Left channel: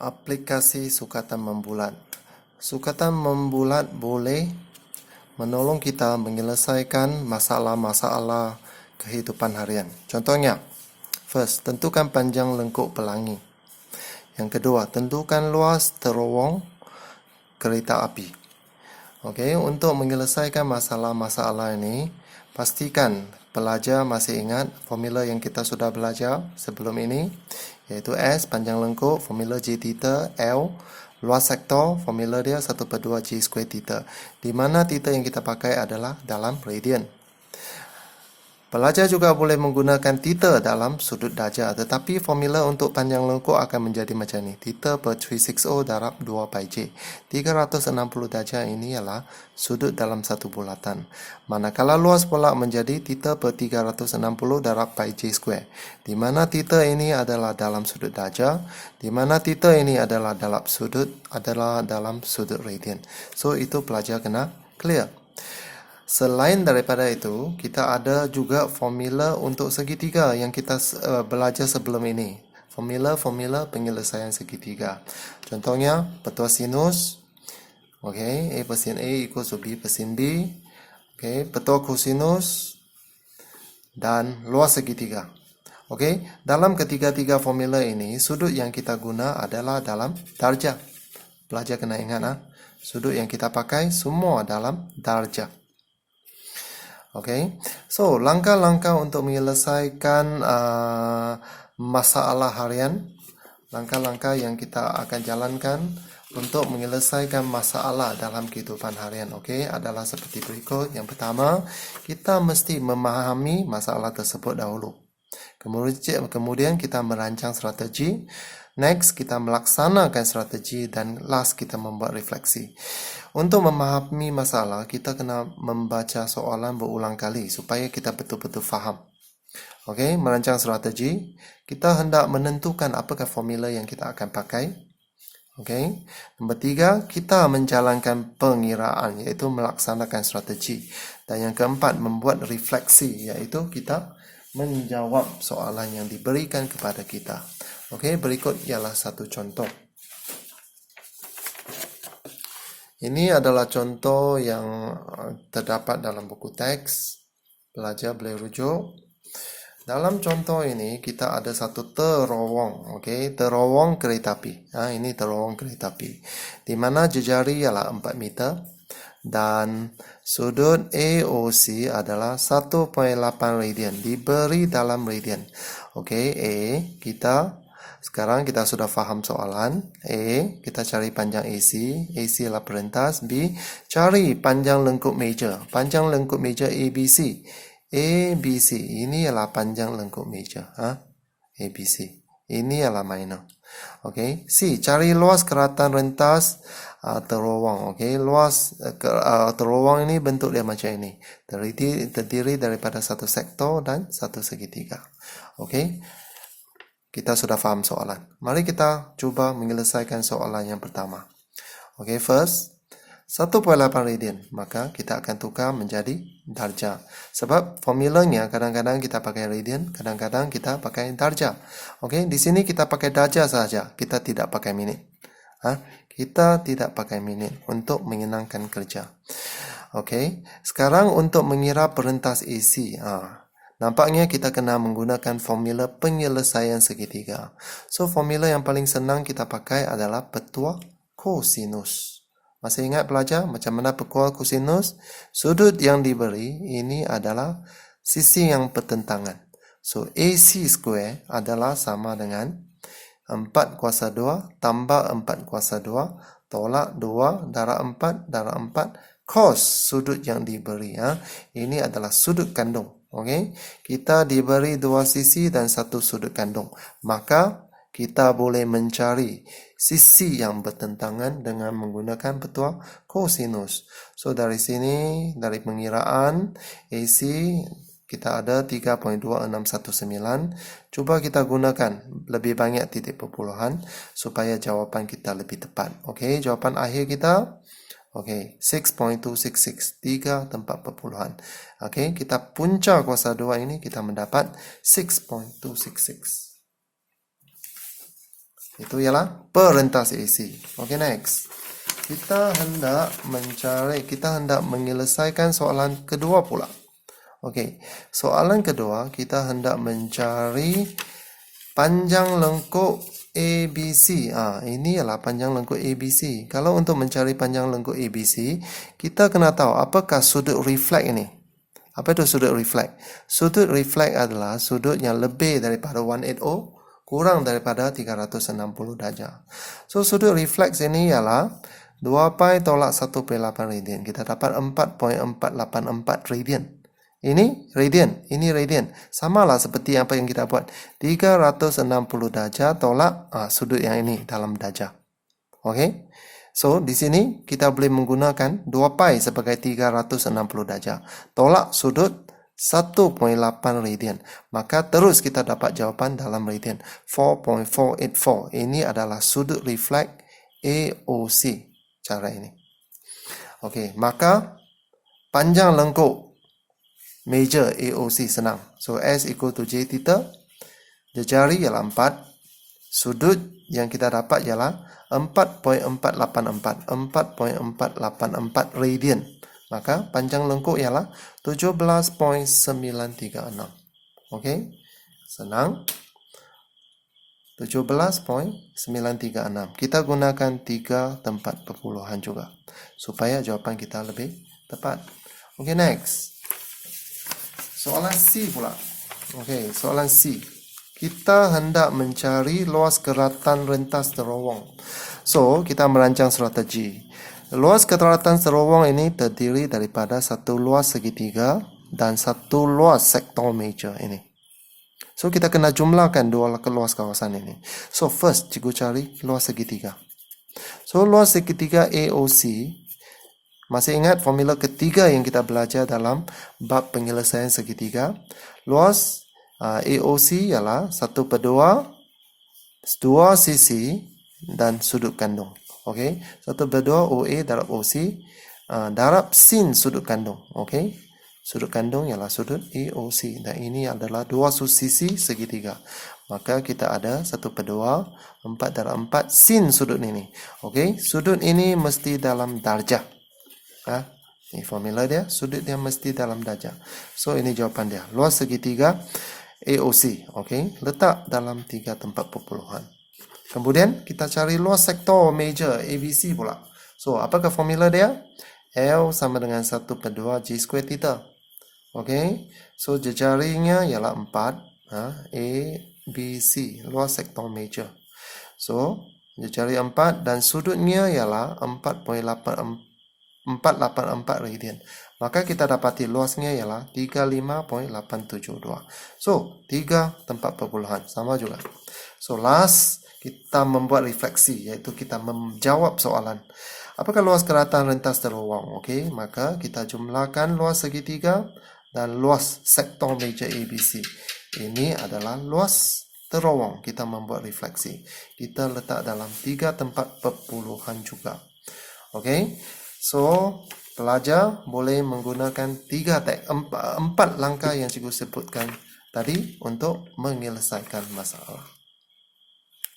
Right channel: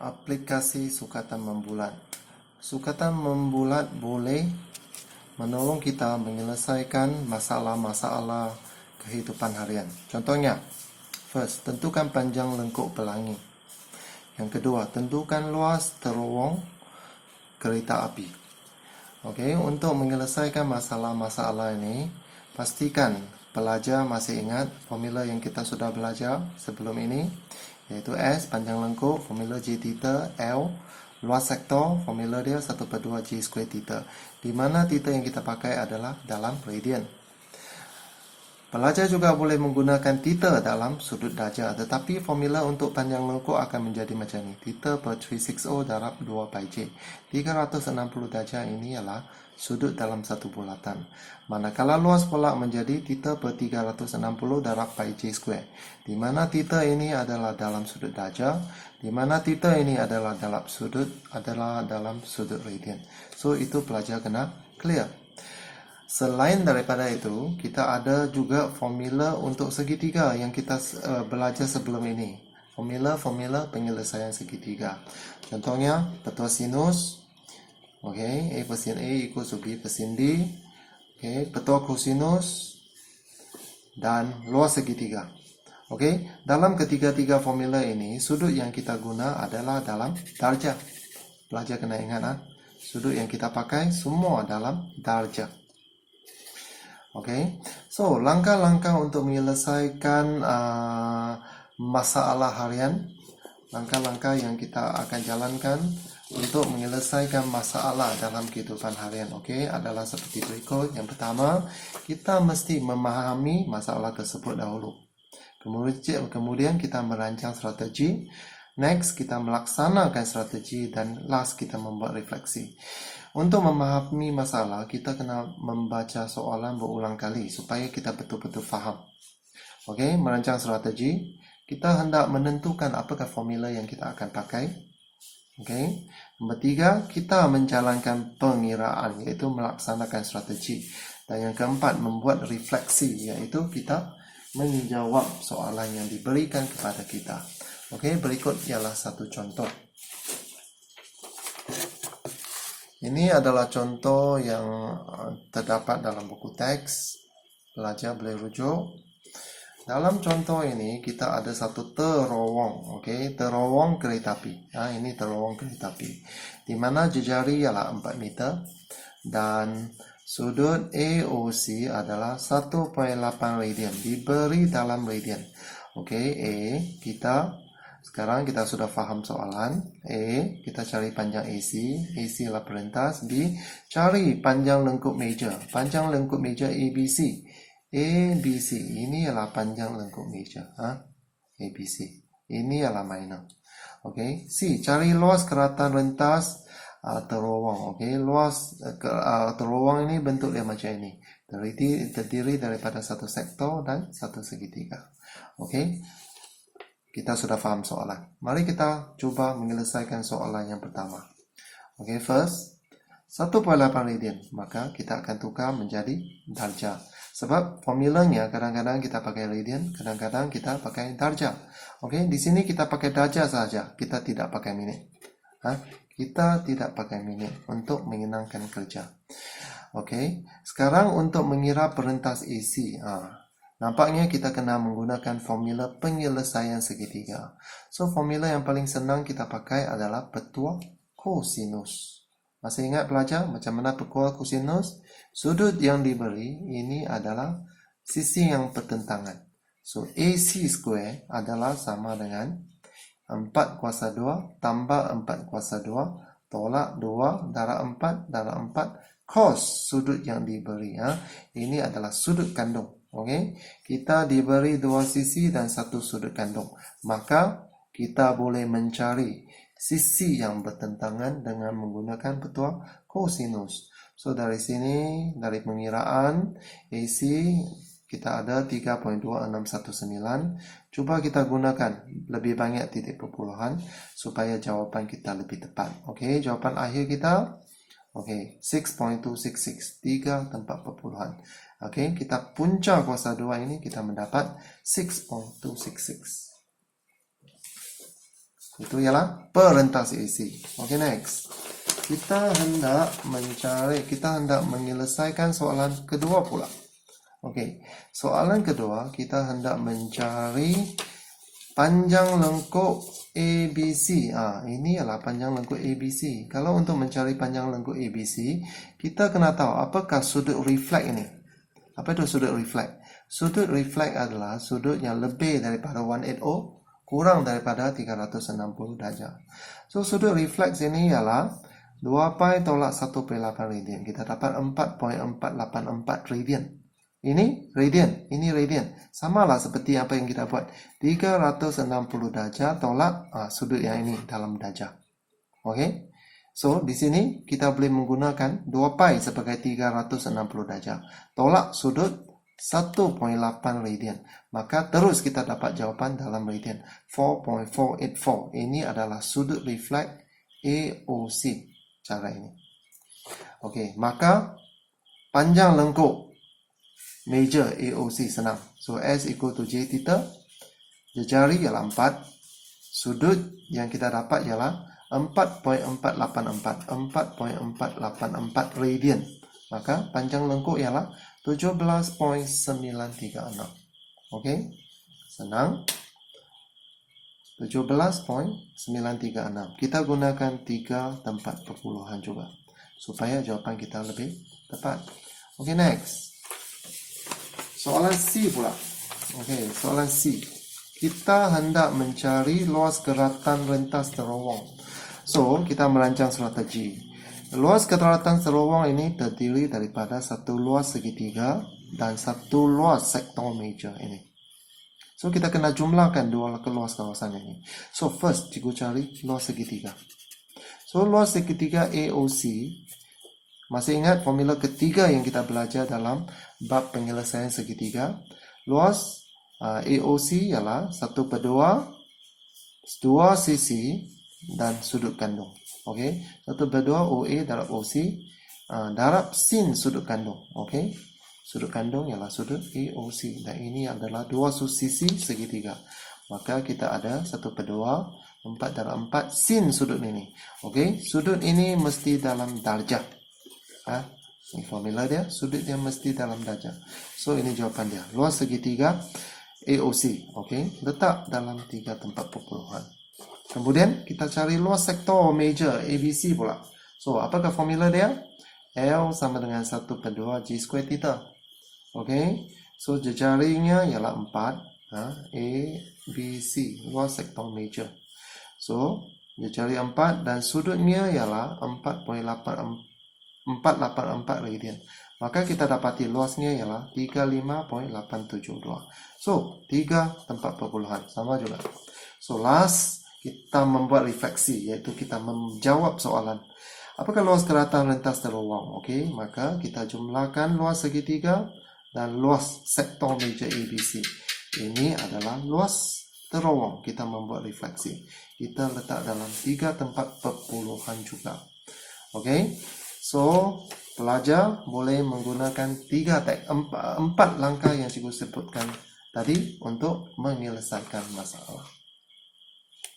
Aplikasi sukatan membulat. Sukatan membulat boleh menolong kita menyelesaikan masalah-masalah kehidupan harian. Contohnya, first, tentukan panjang lengkuk pelangi. Yang kedua, tentukan luas terowong kereta api. Okey, untuk menyelesaikan masalah-masalah ini, pastikan pelajar masih ingat formula yang kita sudah belajar sebelum ini, iaitu S panjang lengkuk, formula G theta, L luas sektor, formula dia 1/2 G square theta. Di mana theta yang kita pakai adalah dalam radian. Pelajar juga boleh menggunakan theta dalam sudut darjah, tetapi formula untuk panjang lengkuk akan menjadi macam ni. Theta per 360 darab 2 pi J. 360 darjah ini ialah sudut dalam satu bulatan. Manakala luas pula menjadi theta per 360 darab pi J square. Di mana theta ini adalah dalam sudut darjah, di mana theta ini adalah dalam sudut radian. So itu pelajar kena clear. Selain daripada itu, kita ada juga formula untuk segitiga yang kita belajar sebelum ini. Formula penyelesaian segitiga. Contohnya, petua sinus. Okay, A per sin A equals to B per sin B. Okay, petua kosinus dan luas segitiga. Okay, dalam ketiga-tiga formula ini, sudut yang kita guna adalah dalam darjah. Pelajar kena ingat, sudut yang kita pakai semua dalam darjah. Okay, so langkah-langkah untuk menyelesaikan masalah harian, langkah-langkah yang kita akan jalankan untuk menyelesaikan masalah dalam kehidupan harian, okay, adalah seperti berikut. Yang pertama, kita mesti memahami masalah tersebut dahulu. Kemudian kita merancang strategi. Next, kita melaksanakan strategi dan last kita membuat refleksi. Untuk memahami masalah, kita kena membaca soalan berulang kali supaya kita betul-betul faham. Okey, merancang strategi, kita hendak menentukan apakah formula yang kita akan pakai. Okey. Nombor 3, kita menjalankan pengiraan iaitu melaksanakan strategi. Dan yang keempat, membuat refleksi iaitu kita menjawab soalan yang diberikan kepada kita. Okey, berikut ialah satu contoh. Ini adalah contoh yang terdapat dalam buku teks. Pelajar boleh rujuk. Dalam contoh ini kita ada satu terowong, okey, terowong kereta api. Ini terowong kereta api. Di mana jejari ialah 4 meter dan sudut AOC adalah 1.8 radian, diberi dalam radian. Okey, sekarang kita sudah faham soalan. A, kita cari panjang AC. AC adalah perentas. B, cari panjang lengkuk meja. Panjang lengkuk meja ABC. ABC, ini adalah panjang lengkuk meja. ABC. Ini adalah minor. Okey. C, cari luas keratan rentas terowong. Okey, luas terowong ini bentuk dia macam ini. Terdiri daripada satu sektor dan satu segitiga. Okey. Kita sudah faham soalan. Mari kita cuba menyelesaikan soalan yang pertama. Okay, first, 1.8 radian. Maka kita akan tukar menjadi darjah. Sebab formulanya kadang-kadang kita pakai radian, kadang-kadang kita pakai darjah. Okay, di sini kita pakai darjah saja. Kita tidak pakai minit. Kita tidak pakai minit untuk menyenangkan kerja. Okay, sekarang untuk mengira perentas AC. Nampaknya kita kena menggunakan formula penyelesaian segitiga. So, formula yang paling senang kita pakai adalah petua kosinus. Masih ingat pelajar macam mana petua kosinus? Sudut yang diberi ini adalah sisi yang bertentangan. So, AC square adalah sama dengan 4 kuasa 2 tambah 4 kuasa 2 tolak 2 darab 4 darab 4 cos sudut yang diberi. Ini adalah sudut kandung. Okey, kita diberi dua sisi dan satu sudut kandung. Maka kita boleh mencari sisi yang bertentangan dengan menggunakan petua kosinus. So dari sini, dari pengiraan AC kita ada 3.2619. Cuba kita gunakan lebih banyak titik perpuluhan supaya jawapan kita lebih tepat. Okey, jawapan akhir kita okey, 6.266, 3.4. Okey, kita punca kuasa 2 ini kita mendapat 6.266. Itu ialah perentas AC. Okay, next. Kita hendak menyelesaikan soalan kedua pula. Okey, soalan kedua kita hendak mencari panjang lengkuk ABC. Ini ialah panjang lengkuk ABC. Kalau untuk mencari panjang lengkuk ABC, kita kena tahu apakah sudut refleks ini. Apa itu sudut refleks? Sudut refleks adalah sudut yang lebih daripada 180, kurang daripada 360 darjah. So, sudut refleks ini ialah 2 pi tolak 1/8 radian. Kita dapat 4.484 radian. Ini radian. Samalah seperti apa yang kita buat. 360 darjah tolak sudut yang ini dalam darjah. Okey. So, di sini kita boleh menggunakan 2 pi sebagai 360 darjah. Tolak sudut 1.8 radian. Maka terus kita dapat jawapan dalam radian. 4.484. Ini adalah sudut refleks AOC. Cara ini. Okey, maka panjang lengkuk major AOC senang. So, S equal to J theta. Jejari ialah 4. Sudut yang kita dapat ialah 4.484. 4.484 radian. Maka panjang lengkuk ialah 17.936. Okey, senang. 17.936. Kita gunakan 3 tempat perpuluhan juga supaya jawapan kita lebih tepat. Okey, next. Soalan C pula. Okey, soalan C. Kita hendak mencari luas keratan rentas terowong. So, kita merancang strategi. Luas keratan terowong ini terdiri daripada satu luas segitiga dan satu luas sektor major ini. So, kita kena jumlahkan dua luas kawasan ini. So, first, cikgu cari luas segitiga. So, luas segitiga AOC. Masih ingat formula ketiga yang kita belajar dalam bab penyelesaian segitiga? Luas AOC ialah 1/2, 2 sisi dan sudut kandung. Okey, 1/2 OA darab OC darab sin sudut kandung. Okey. Sudut kandung ialah sudut AOC dan ini adalah 2 sisi segitiga. Maka kita ada 1/2, 4 darab 4 sin sudut ini. Okey, sudut ini mesti dalam darjah. Ini formula dia, sudut dia mesti dalam darjah. So, ini jawapan dia. Luas segitiga AOC. Okey, letak dalam 3 tempat perpuluhan. Kemudian kita cari luas sektor major ABC pula. So, apakah formula dia? L sama dengan 1/2 G square theta. Okey, so jejarinya ialah 4. A, B, C, luas sektor major. So, jejari 4 dan sudutnya ialah 4.484 radian. Maka kita dapati luasnya ialah 35.872. So, 3 tempat perpuluhan. Sama juga. So, last, kita membuat refleksi, iaitu kita menjawab soalan. Apakah luas keratan rentas terowong? Okey, maka kita jumlahkan luas segitiga dan luas sektor major ABC. Ini adalah luas terowong. Kita membuat refleksi. Kita letak dalam 3 tempat perpuluhan juga. Okey. So, pelajar boleh menggunakan 4 langkah yang cikgu sebutkan tadi untuk menyelesaikan masalah.